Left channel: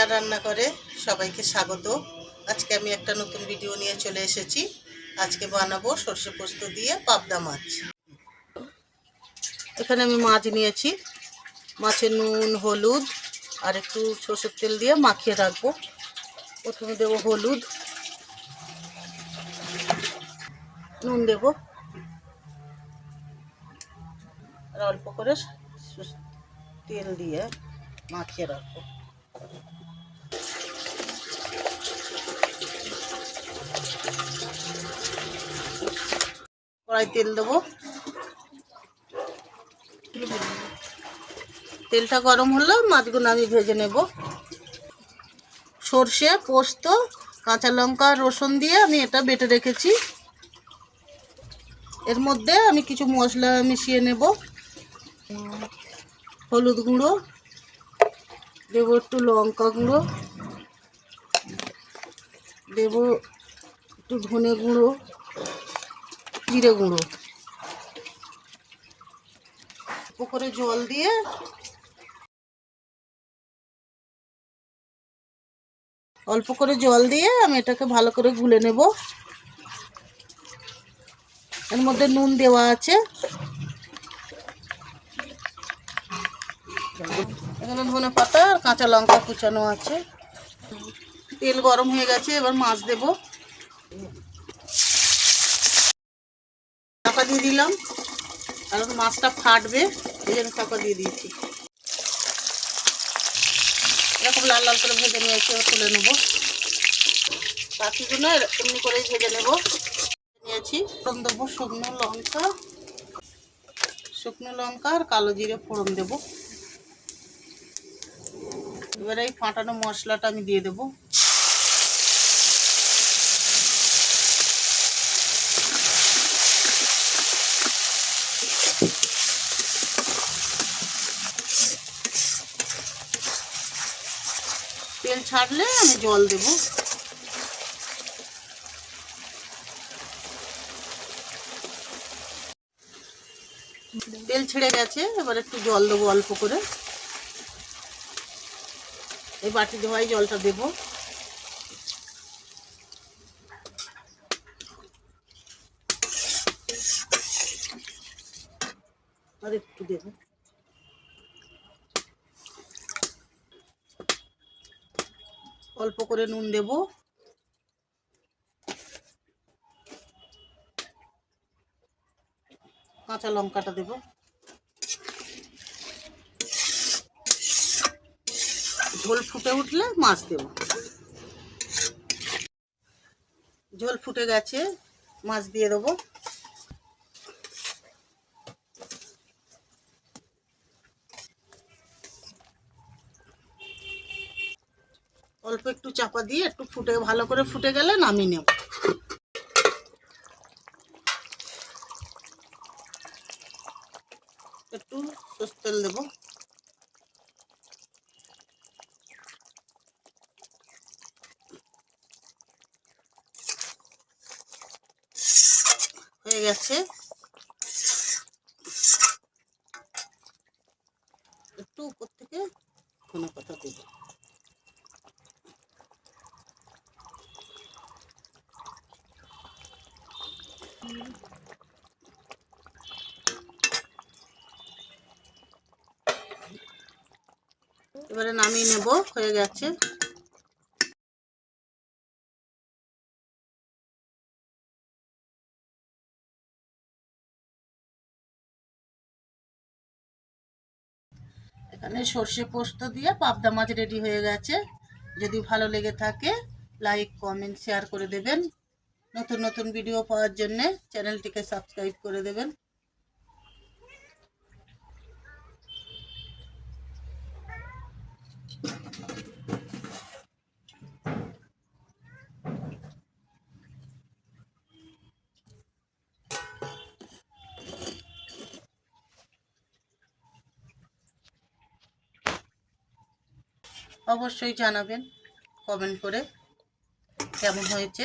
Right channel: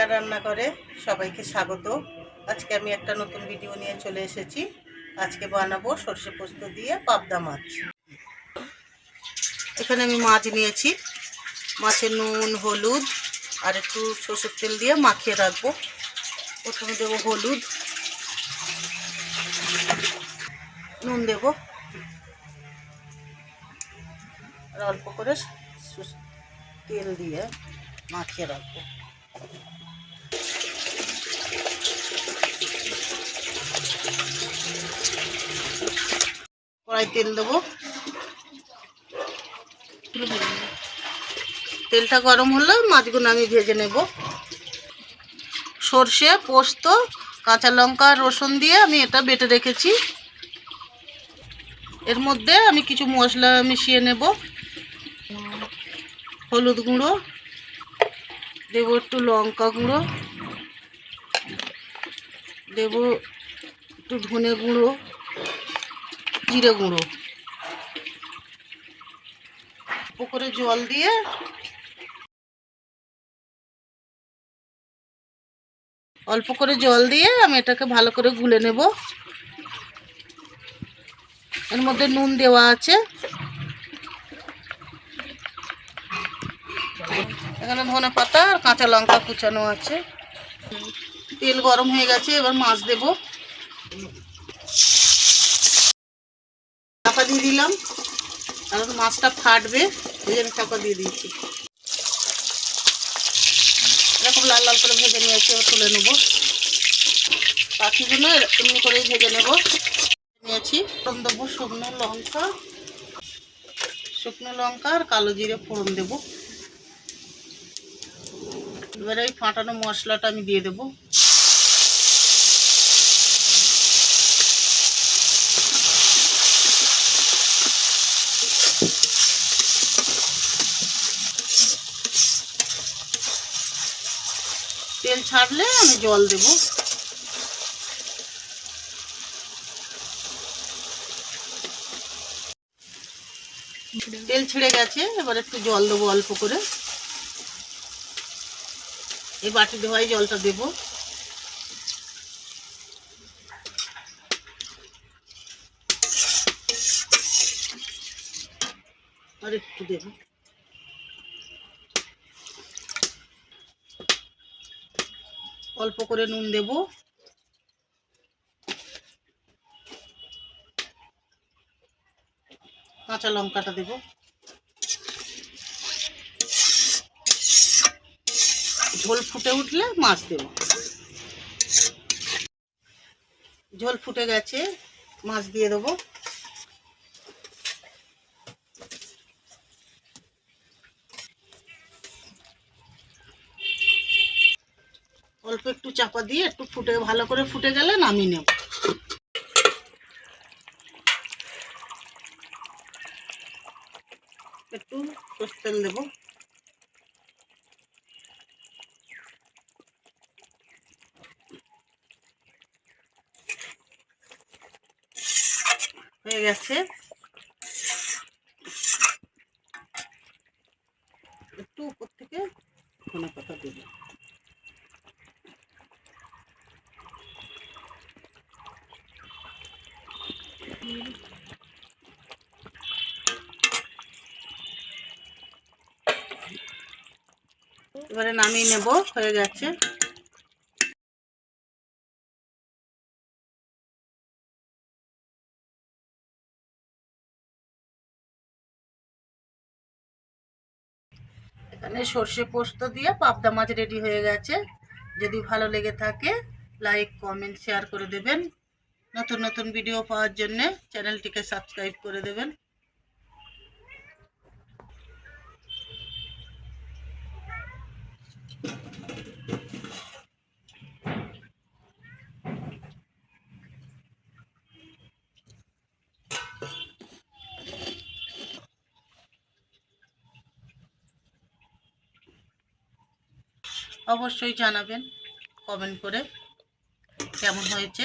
রিনা রান্না করে সবাইকে স্বাগত। আজকে আমি একটা নতুন ভিডিও নিয়ে চলে এসেছি। আজকে বানাবো সর্ষে পোস্ত দিয়ে পাবদা মাছ। এখানে আমি মাছ নিয়েছি। মাছে নুন, হলুদ আর একটু সর্ষের তেল দিয়ে মাখিয়ে রাখবো। প্রথমে দেবো হলুদ, নুন দেবো আর অল্প করে তেল দিয়ে মাখিয়ে রাখবো। কড়াই তেল দেবো। তেলটা গরম হলে মাছগুলো আমি ভেজে নেব। সর্ষে, পোস্ত, কাঁচা লঙ্কা, রসুন দিয়ে আমি এটা বেটে রেখেছি। এর মধ্যে আমি কিছু মশলা মিশিয়ে নেব। হলুদ গুঁড়ো দেবো, একটু লঙ্কা গুঁড়ো দেবো, একটু ধনে গুঁড়ো, জিরে গুঁড়ো। অল্প করে জল দিয়ে আমি এটাকে ভালো করে গুলে নেব। এর মধ্যে নুন দেওয়া আছে। এখানে ধনে পাতা আর কাঁচা লঙ্কা কুচানো আছে। তেল গরম হয়ে গেছে, এবার মাছ দেব। চাপা দিয়ে দিলাম, আর মাছটা ফাটবে এই জন্য চাপা দিয়ে দিয়েছি। এরকম লাল লাল করে ভেজে নিয়েছি, এবার তুলে নেবো। বাকিগুলো এমনি করেই ভেজে নেব। নিয়েছি, ফোড়ন দেবো শুকনো লঙ্কা আর কালো জিরে ফোড়ন দেবো। এবারে এই ফাটানো মশলাটা আমি দিয়ে দেবো। তেল ছাড়লে আমি জল দেব। তেল ছেড়ে গেছে, এবার একটু জল দেবো অল্প করে। এই বাটি ধোয়াই জলটা দেব। আর একটু দেব। অল্প করে নুন দেব। কাঁচা লঙ্কাটা দেব। ঝোল ফুটে উঠলে মাছ দেব। ঝোল ফুটে গেছে, মাছ দিয়ে দেবো। অল্প একটু চাপা দিয়ে একটু ভালো করে ফুটে গেলে নামিয়ে নেব। একটু সর্ষের তেল দেব। হয়ে গেছে। একটু উপর থেকে ধনে পাতা দেব। এবারে নামিয়ে নেব, হয়ে গেছে। এখানে সর্ষে পোস্ত দিয়ে পাবদা মাছ রেডি হয়ে গেছে। যদি ভালো লেগে থাকে লাইক, কমেন্ট, শেয়ার করে দেবেন। নতুন নতুন ভিডিও পাওয়ার জন্য চ্যানেলটিকে সাবস্ক্রাইব করে দেবেন। অবশ্যই জানাবেন কমেন্ট করে কেমন হয়েছে।